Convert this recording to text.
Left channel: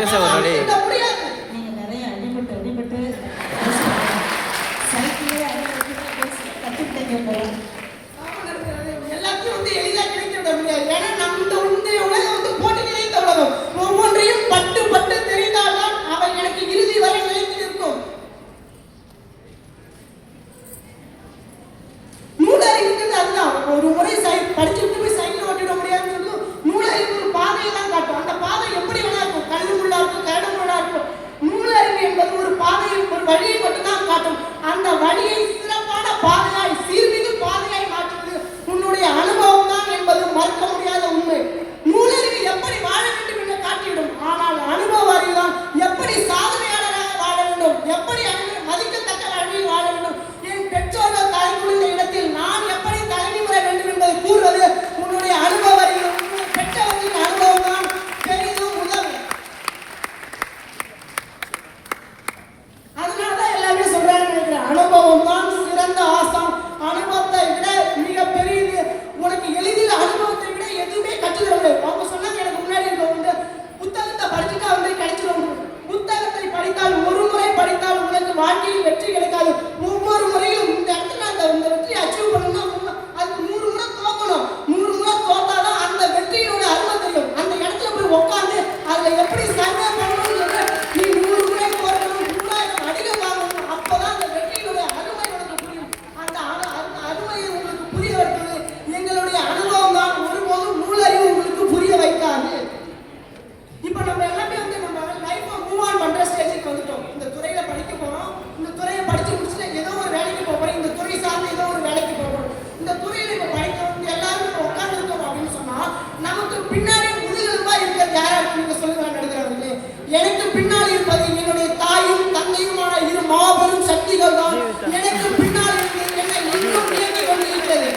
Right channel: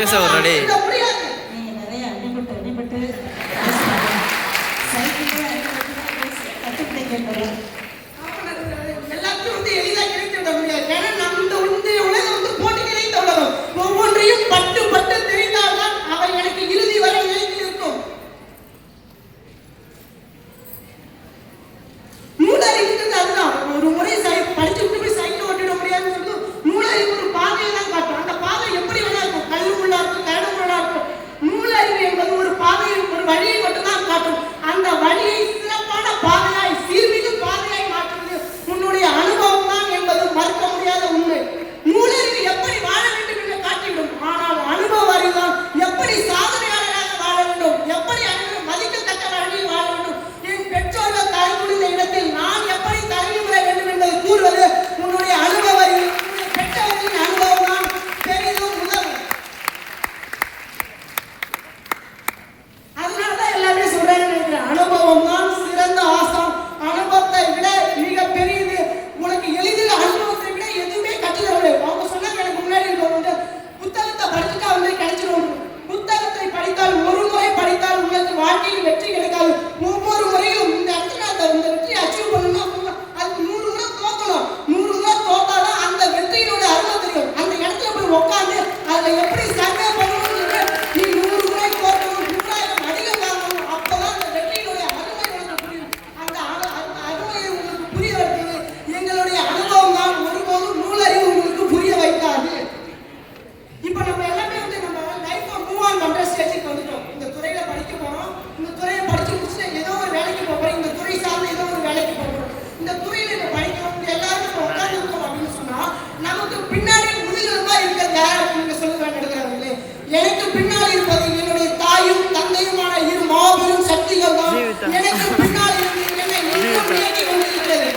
பேச வர்றாடே. நீங்க நிறைய அடிபட்டு சைக்கிளே கற்றுக்கிட்டீங்க. எல்லாத்தையும் வந்து எளிதாக கிடைத்து விட முடியாது. ஏன்னா நம்ம வந்து உலகம் வந்து போட்டி நிறைந்த உலகம். ஒவ்வொன்றையும் பட்டு பட்டு தெரிந்தால்தான் அவை எனக்கு இறுதி வரை நிலைத்து இருக்கும். மூளறிவுங்கிறது அதுதான். ஒரு முறை படிச்சு விட்டு சைக்கிள் ஓட்டிட முடியாதுன்னு சொல்லி மூளறிவு ஒரு பாதையை தான் காட்டும். அந்த பாதை எப்படி வேணா இருக்கும். கல்லுக்குள்ளா இருக்கும், கரடுக்குள்ளா இருக்கும். மூளறிவு என்பது ஒரு பாதையை, ஒரு வழியை மட்டும் தான் காட்டும். அந்த வழியை சிறப்பான பாதையாய், சீர்மிகு பாதையாய் மாற்றுவது உன்னுடைய அனுபவம் தான் என்பது மறுக்க முடியாத உண்மை. மூளறிவு எப்படி வாழ வேண்டும் என்று காட்டிவிடும். ஆனால் அனுபவ அறிவு தான் எப்படி சாதனையாளராக வாழ வேண்டும், எப்படி மதிக்கத்தக்க வழியில் வாழ வேண்டும். என் பெற்றோர்கள் தலை குனிந்த இடத்தில் நான் எப்படி தலைமை பெற வேண்டும் என்பதை கூறுவது உன்னுடைய அனுபவ அறிவு. பெற்றவர்களின் அனுபவம் தான் பெரிதும் உதவும். அதனாலதான் எல்லாமே சொல்றாங்க நினைக்கிறேன். அனுபவம் தான் சிறந்த ஆசான். அனுபவத்தை விட மிக பெரியது. உனக்கு எளிதில் அனுபவத்தை விட எதுவுமே கற்றுத்தர முடியாது. அவங்க சொன்னாங்க எனக்கு முன்னாடி வந்து புத்தகத்தை படிச்சுட்டா வந்து கிடைச்சிடும். புத்தகத்தை படித்தால் ஒரு முறை படித்தால் உங்களுக்கு வாழ்க்கையில் வெற்றி கிடைக்காது. ஒவ்வொரு முறையும் இந்த இடத்துல அந்த வெற்றியை அச்சீவ் பண்ணணும்னா அது 100 முறை தோக்கணும். 100 முறை தோத்தாதான் அந்த வெற்றியோட அருமை தெரியும். அந்த இடத்துல போய் உட்காந்து அதை எப்படி சர்வே பண்ணணும்னு நீ 100 முறை தோக்கணும், 100 அடிகள் வாங்கணும். அப்பதான் அந்த வெற்றியோட அருமை உனக்கு புரியும். அந்த அருமை உங்களுக்கு புரிய வைக்கிறது எங்களுடைய அனுபவம் தான். ஒருபோதும் நூலறிவு உங்களுக்கு புரிய வைக்காது. இப்போ நம்ம எல்லாமே வந்து நம்ம லைஃப்பை மூவ் ஆன் பண்ணுற ஸ்டேஜுக்கு வந்துட்டோம். இந்த துறையில் படிக்க போகிறோம். இந்த துறையை படித்து முடிச்சுட்டு ஏதோ ஒரு வேலைக்கு போகிறோம். இந்த துறை சார்ந்து ஏதோ ஒரு வேலைக்கு போகிறோம். இந்த துறையில் இப்போ படிக்கிறோம். எல்லாரும் இப்போ உட்காந்துருக்கோம் அப்படின்னு சொன்னால் நமக்கு பின்னாடி முதுகெலும்பா இருக்கிறது யாரும் நீங்கள் சொல்லுங்க எடுக்கிறவங்களே. எனக்கு பின்னால் இருப்பது என்னுடைய தாயும் தந்தையுமான இரு மாபெரும் சக்திகள் தான். எனக்கு பின்னால் இருந்து என்னை எங்கும் இயக்கி கொண்டிருக்கிறது.